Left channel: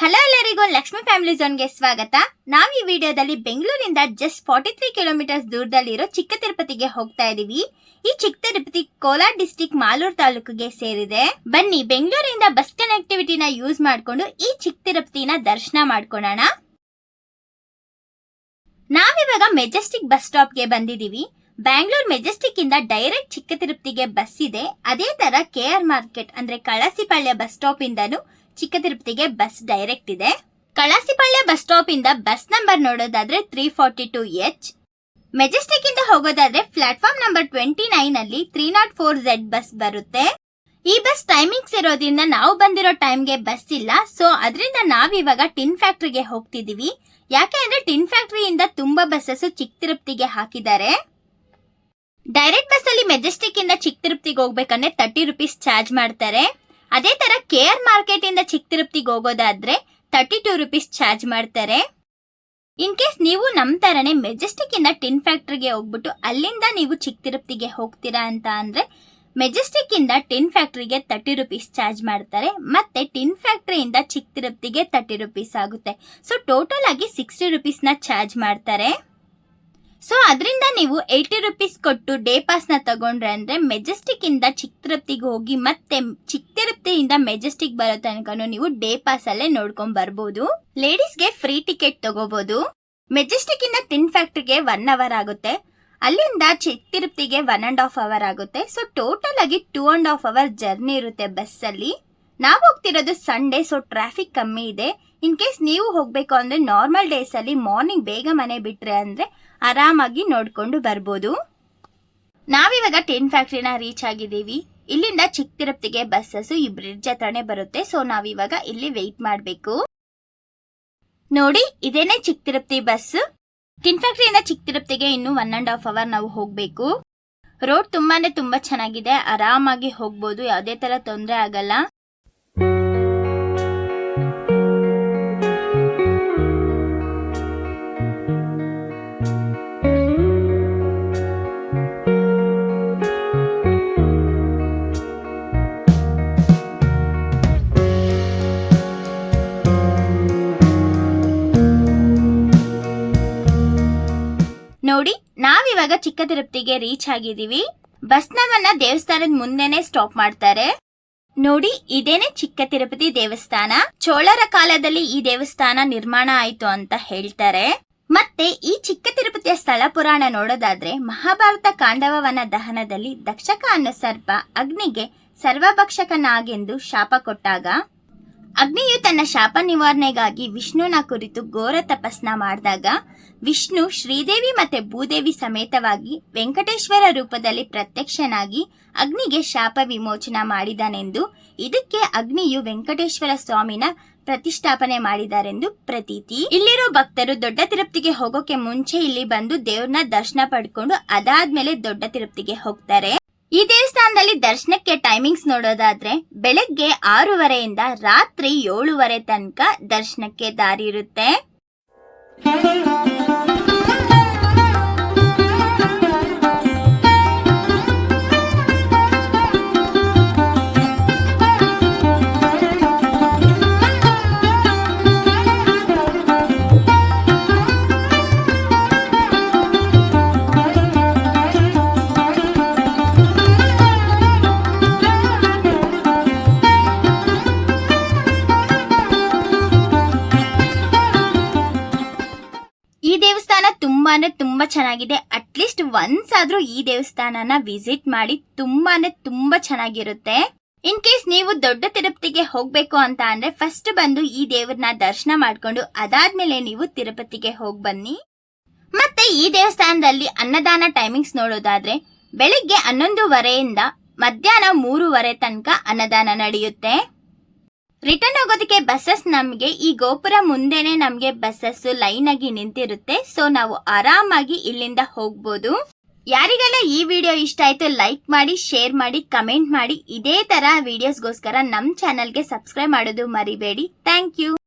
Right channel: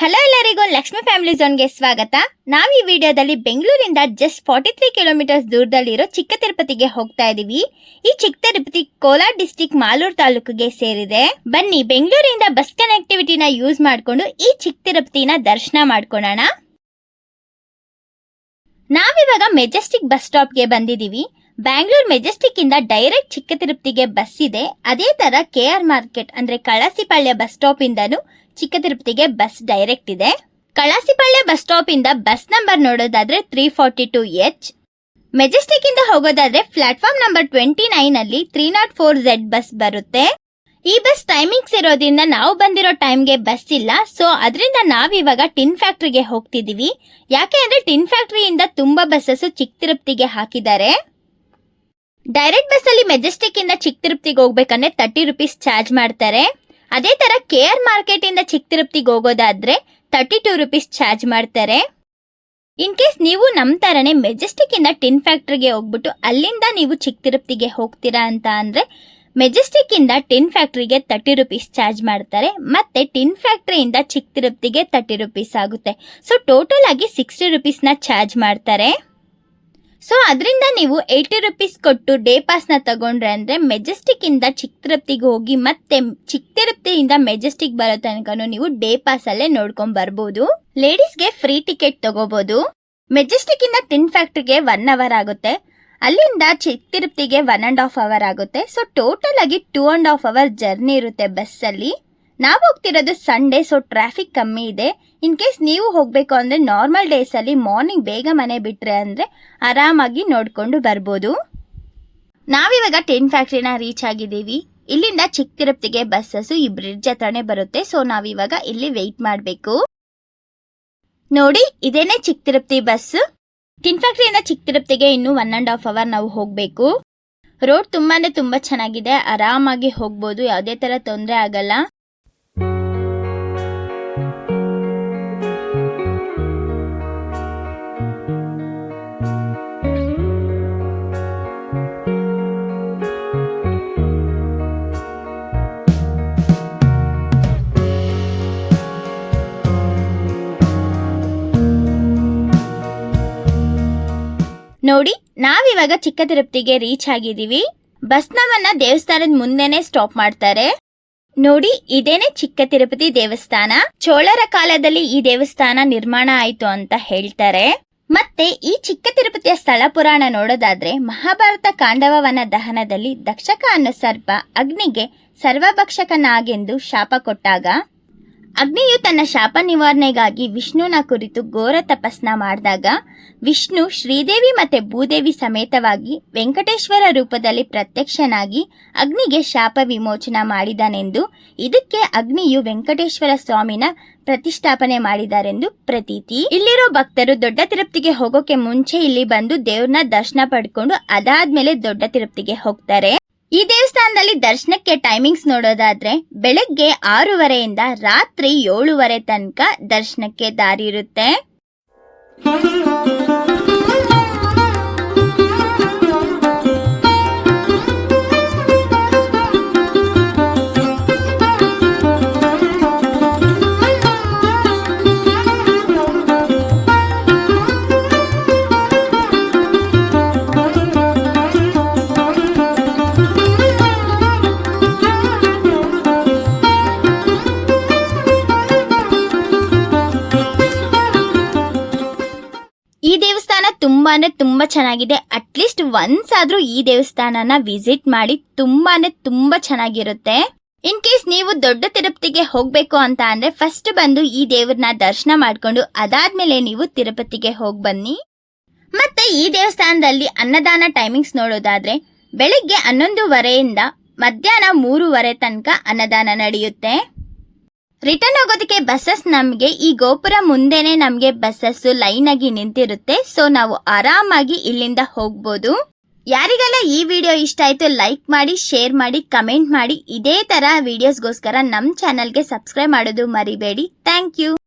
Hello ಎಲ್ಲರಿಗೂ Lakshmi family ಝೋನ್ಗೆ ಸ್ವಾಗತ. ನಾವು ಈ ವಿಡಿಯೋದಲ್ಲಿ ಬೆಂಗಳೂರಿಂದ ಜಸ್ಟ್ 43 ಕಿಲೋಮೀಟರ್ಸ್ ದೂರದಲ್ಲಿರೋ ಚಿಕ್ಕ ತಿರುಪತಿಗೆ ಹೋಗ್ತಾ ಇದೀವಿ. ಈ ಚಿಕ್ಕ ತಿರುಪತಿ ಕೋಲಾರ ಡಿಸ್ಟಿಕ್ ಮಾಲೂರು ತಾಲೂಕಿಗೆ ಸೇರಿದೆ. ಬನ್ನಿ ಬೆಂಗಳೂರಿಂದ ಬಸ್ ಕನೆಕ್ಟಿವಿಟಿನ ಯೂಸ್ ಮಾಡಿಕೊಂಡು ಈ ಚಿಕ್ಕ ತಿರುಪತಿನ ದರ್ಶನ ಮಾಡ್ಕೊಳ್ಳೋಣ. ನಾವಿವಾಗ ಮೆಜೆಸ್ಟಿಕ್ ಬಸ್ ಸ್ಟಾಪ್ಗೆ ಬಂದಿದೀವಿ. ಬ್ಯಾಂಗ್ಳೂರ್ ಮೆಜೆಸ್ಟಿಕ್ ಇಂದ ಡೈರೆಕ್ಟ್ ಚಿಕ್ಕ ತಿರುಪತಿಗೆ ಬಸ್ ಇದೆ. ಅದೇ ತರ KR ಮಾರ್ಕೆಟ್ ಅಂದ್ರೆ ಕಳಸಿಪಾಳ್ಯ ಬಸ್ ಸ್ಟಾಪ್ ಇಂದನು ಚಿಕ್ಕ ತಿರುಪತಿಗೆ ಬಸ್ ಡೈರೆಕ್ಟ್ ಇದೆ. ಕಳಸಿಪಾಳ್ಯ ಬಸ್ ಸ್ಟಾಪ್ ಇಂದ ಬಸ್ ನಂಬರ್ ನೋಡೋದಾದ್ರೆ 342H. ಮೆಜೆಸ್ಟಿಕ್ ಇಂದ ಹೋಗೋದಾದ್ರೆ ಪ್ಲಾಟ್ಫಾರ್ಮ್ ನಂಬರ್ 29 ಅಲ್ಲಿ 304Z ಬಸ್ ಬರುತ್ತೆ. ಈ ಬಸ್ ಟೈಮಿಂಗ್ಸ್ ಇರೋದ್ರಿಂದ ನಾವು ಬಂದಿರೋ ಟೈಮ್ಗೆ ಬಸ್ ಇಲ್ಲ. ಸೊ ಅದರಿಂದ ನಾವಿವಾಗ ಟಿನ್ ಫ್ಯಾಕ್ಟ್ರಿಗೆ ಹೋಗ್ತಿದೀವಿ. ಯಾಕೆ ಅಂದ್ರೆ ಟಿನ್ ಫ್ಯಾಕ್ಟ್ರಿಯಿಂದ ತುಂಬಾ ಬಸ್ಸಸ್ ಚಿಕ್ಕ ತಿರುಪತಿಗೆ ಹಾಕಿದ್ದಾರೆ. ಡೈರೆಕ್ಟ್ ಬಸ್ ಅಲ್ಲಿ ಮೆಜೆಸ್ಟಿಕ್ ಇಂದ ಚಿಕ್ಕ ತಿರುಪತಿಗೆ ಹೋಗ್ಬೇಕಂದ್ರೆ 30 ರೂಪೀಸ್ ಚಾರ್ಜ್ ಮಾಡ್ತಾರೆ. ಅದೇ ತರ KR ಮಾರ್ಕೆಟ್ ಇಂದ ಚಿಕ್ಕ ತಿರುಪತಿಗೆ ಹೋಗೋದಾದ್ರೆ 32 ರೂಪೀಸ್ ಚಾರ್ಜ್ ಮಾಡ್ತಾರೆ. ಇನ್ ಕೇಸ್ ನೀವು ನಮ್ ತರನೇ ಮೆಜೆಸ್ಟಿಕ್ ಇಂದ ಟಿನ್ ಫ್ಯಾಕ್ಟ್ರಿಗೆ ಹೋಗ್ಬಿಟ್ಟು ಅಲ್ಲಿಂದ ನೀವು ಚಿಕ್ಕ ತಿರುಪತಿಗೆ ಹೋಗ್ತೀರಾ ಅಂತ ಅಂದ್ರೆ ಮೆಜೆಸ್ಟಿಕ್ ಇಂದ ಟಿನ್ ಫ್ಯಾಕ್ಟ್ರಿಗೆ 30 ರೂಪೀಸ್ ಚಾರ್ಜ್ ಮಾಡ್ತಾರೆ. ಮತ್ತೆ ಟಿನ್ ಫ್ಯಾಕ್ಟ್ರಿಯಿಂದ ಚಿಕ್ಕ ತಿರುಪತಿಗೆ 30 ರೂಪೀಸ್ ಆಗುತ್ತೆ. ಸೊ ಟೋಟಲ್ ಆಗಿ 60 ರೂಪೀಸ್ ನ ಚಾರ್ಜ್ ಮಾಡ್ತಾರೆ. ಸೊ ಅದರಿಂದ ನೀವು 80 ರೂಪೀಸ್ ಕೊಟ್ಟು ಡೇ ಪಾಸ್ ನ ತಗೊಂಡ್ರೆ ಅಂದ್ರೆ ಮೆಜೆಸ್ಟಿಕ್ ಇಂದ ಚಿಕ್ಕ ತಿರುಪತಿಗೆ ಹೋಗಿ ಮತ್ತೆ ಚಿಕ್ಕ ತಿರುಪತಿಯಿಂದ ಮೆಜೆಸ್ಟಿಕ್ ಬರೋ ತನಕ ನೀವು ಡೇ ಪಾಸ್ ಅಲ್ಲೇ ನೋಡ್ಕೊಂಡ್ ಬರ್ಬೋದು. ಲೇಡೀಸ್ಗೆ ಫ್ರೀ ಟಿಕೆಟ್ ತಗೋಬಹುದು. ಮೆಜೆಸ್ಟಿಕ್ ಇಂದ ಟಿನ್ ಫ್ಯಾಕ್ಟ್ರಿಗೆ 1 ಅವರ್ ಆಗುತ್ತೆ. ಅಲ್ಲಿಂದ ಚಿಕ್ಕ ತಿರುಪತಿಗೆ 1.5 ಅವರ್ ಆಗುತ್ತೆ. ಸೊ ಟೋಟಲ್ ಆಗಿ 2.5 ಅವರ್ ಜರ್ನಿ ಇರುತ್ತೆ ಬಸ್ ಅಲ್ಲಿ. ನಾವು ಹೋಗ್ತಿರೋದು ಸಂಡೇ, ಸೊ ಟ್ರಾಫಿಕ್ ಕಮ್ಮಿ ಇದೆ. ಇನ್ ಕೇಸ್ ನೀವು ಹೋಗ್ಬೇಕು ಅಂದ್ರೆ ನಾರ್ಮಲ್ ಡೇಸ್ ಅಲ್ಲಿ ಮಾರ್ನಿಂಗ್ ಬೇಗ ಮನೆ ಬಿಟ್ರೆ ಅಂದ್ರೆ ಆರಾಮಾಗಿ ನೋಡ್ಕೊಂಡು ಬರ್ಬೋದು. ನಾವಿವಾಗ ಟಿನ್ ಫ್ಯಾಕ್ಟ್ರಿನ ರೀಚ್ ಆಗಿದ್ದೀವಿ. ಇಲ್ಲಿಂದ ಚಿಕ್ಕ ತಿರುಪತಿಗೆ ಬಸ್ಸಸ್ ಈ ಬ್ರಿಡ್ಜ್ ಹತ್ರನೇ ಬರುತ್ತೆ. ಸೊ ನಾವಿವಾಗ ಇಲ್ಲಿ ವೆಯ್ಟ್ ಮಾಡಬೇಕು. ನೋಡಿ, ಇದೇನೆ ಚಿಕ್ಕ ತಿರುಪತಿ ಬಸ್. ಟಿನ್ ಫ್ಯಾಕ್ಟ್ರಿಯಿಂದ ಚಿಕ್ಕ ತಿರುಪತಿಗೆ ಇನ್ನು 1.5 ಅವರ್ ನಾವು ಹೋಗ್ಬೇಕು. ರೋಡ್ ತುಂಬಾ ಚೆನ್ನಾಗಿದೆ. ಆರಾಮಾಗಿ ಹೋಗ್ಬೋದು, ಯಾವುದೇ ತರ ತೊಂದರೆ ಆಗಲ್ಲ. ನೋಡಿ, ನಾವಿವಾಗ ಚಿಕ್ಕ ತಿರುಪತಿಗೆ ರೀಚ್ ಆಗಿದ್ದೀವಿ. ಬಸ್ ನಮ್ಮನ್ನ ದೇವಸ್ಥಾನದ ಮುಂದೆನೆ ಸ್ಟಾಪ್ ಮಾಡ್ತಾರೆ. ನೋಡಿ, ಇದೇನೆ ಚಿಕ್ಕ ತಿರುಪತಿ ದೇವಸ್ಥಾನ. ಚೋಳರ ಕಾಲದಲ್ಲಿ ಈ ದೇವಸ್ಥಾನ ನಿರ್ಮಾಣ ಆಯ್ತು ಅಂತ ಹೇಳ್ತಾರೆ. ಮತ್ತೆ ಈ ಚಿಕ್ಕ ತಿರುಪತಿಯ ಸ್ಥಳ ಪುರಾಣ ನೋಡೋದಾದ್ರೆ ಮಹಾಭಾರತ ಕಾಂಡವವನ ದಹನದಲ್ಲಿ ದಕ್ಷಕ ಅನ್ನೋ ಸರ್ಪ ಅಗ್ನಿಗೆ ಸರ್ವಭಕ್ಷಕನಾಗೆಂದು ಶಾಪ ಕೊಟ್ಟಾಗ ಅಗ್ನಿಯು ತನ್ನ ಶಾಪ ನಿವಾರಣೆಗಾಗಿ ವಿಷ್ಣುನ ಕುರಿತು ಘೋರ ತಪಸ್ನ ಮಾಡಿದಾಗ ವಿಷ್ಣು ಶ್ರೀದೇವಿ ಮತ್ತೆ ಭೂದೇವಿ ಸಮೇತವಾಗಿ ವೆಂಕಟೇಶ್ವರ ರೂಪದಲ್ಲಿ ಪ್ರತ್ಯಕ್ಷನಾಗಿ ಅಗ್ನಿಗೆ ಶಾಪ ವಿಮೋಚನ ಮಾಡಿದನೆಂದು, ಇದಕ್ಕೆ ಅಗ್ನಿಯು ವೆಂಕಟೇಶ್ವರ ಸ್ವಾಮಿನ ಪ್ರತಿಷ್ಠಾಪನೆ ಮಾಡಿದಾರೆಂದು ಪ್ರತೀತಿ. ಇಲ್ಲಿರೋ ಭಕ್ತರು ದೊಡ್ಡ ತಿರುಪತಿಗೆ ಹೋಗೋಕೆ ಮುಂಚೆ ಇಲ್ಲಿ ಬಂದು ದೇವ್ರನ್ನ ದರ್ಶನ ಪಡ್ಕೊಂಡು ಅದಾದ್ಮೇಲೆ ದೊಡ್ಡ ತಿರುಪತಿಗೆ ಹೋಗ್ತಾರೆ. ಈ ದೇವಸ್ಥಾನದಲ್ಲಿ ದರ್ಶನಕ್ಕೆ ಟೈಮಿಂಗ್ಸ್ ನೋಡೋದಾದ್ರೆ ಬೆಳಗ್ಗೆ 6:30 ರಾತ್ರಿ 7:30 ತನಕ ದರ್ಶನಕ್ಕೆ ದಾರಿ ಇರುತ್ತೆ. ಈ ದೇವಸ್ಥಾನ ತುಂಬಾ ಚೆನ್ನಾಗಿದೆ. ಅಟ್ಲೀಸ್ಟ್ ಒನ್ಸ್ ಆದ್ರೂ ಈ ದೇವಸ್ಥಾನನ ವಿಸಿಟ್ ಮಾಡಿ. ತುಂಬಾ ಚೆನ್ನಾಗಿರುತ್ತೆ. ಇನ್ ಕೇಸ್ ನೀವು ದೊಡ್ಡ ತಿರುಪತಿಗೆ ಹೋಗ್ಬೇಕು ಅಂತ ಅಂದ್ರೆ ಫಸ್ಟ್ ಬಂದು ಈ ದೇವ್ರನ್ನ ದರ್ಶನ ಮಾಡ್ಕೊಂಡು ಅದಾದ್ಮೇಲೆ ನೀವು ತಿರುಪತಿಗೆ ಹೋಗಿ ಬನ್ನಿ. ಮತ್ತೆ ಈ ದೇವಸ್ಥಾನದಲ್ಲಿ ಅನ್ನದಾನ ಟೈಮಿಂಗ್ಸ್ ನೋಡೋದಾದ್ರೆ ಬೆಳಿಗ್ಗೆ 11:30 ಮಧ್ಯಾಹ್ನ 3:30 ತನಕ ಅನ್ನದಾನ ನಡೆಯುತ್ತೆ. ರಿಟರ್ನ್ ಹೋಗೋದಕ್ಕೆ ಬಸ್ಸಸ್ ನಮಗೆ ಈ ಗೋಪುರ ಮುಂದೆನೆ ನಮಗೆ ಬಸ್ಸಸ್ ಲೈನ್ ಆಗಿ ನಿಂತಿರುತ್ತೆ. ಸೊ ನಾವು ಆರಾಮಾಗಿ ಇಲ್ಲಿಂದ ಹೋಗ್ಬೋದು. ಯಾರಿಗೆಲ್ಲ ಈ ವಿಡಿಯೋ ಇಷ್ಟ ಆಯ್ತು ಲೈಕ್ ಮಾಡಿ, ಶೇರ್ ಮಾಡಿ, ಕಮೆಂಟ್ ಮಾಡಿ. ಇದೇ ತರ ವಿಡಿಯೋಸ್ಗೋಸ್ಕರ ನಮ್ಮ ಚಾನಲ್ಗೆ ಸಬ್ಸ್ಕ್ರೈಬ್ ಮಾಡೋದು ಮರಿಬೇಡಿ. Thank you.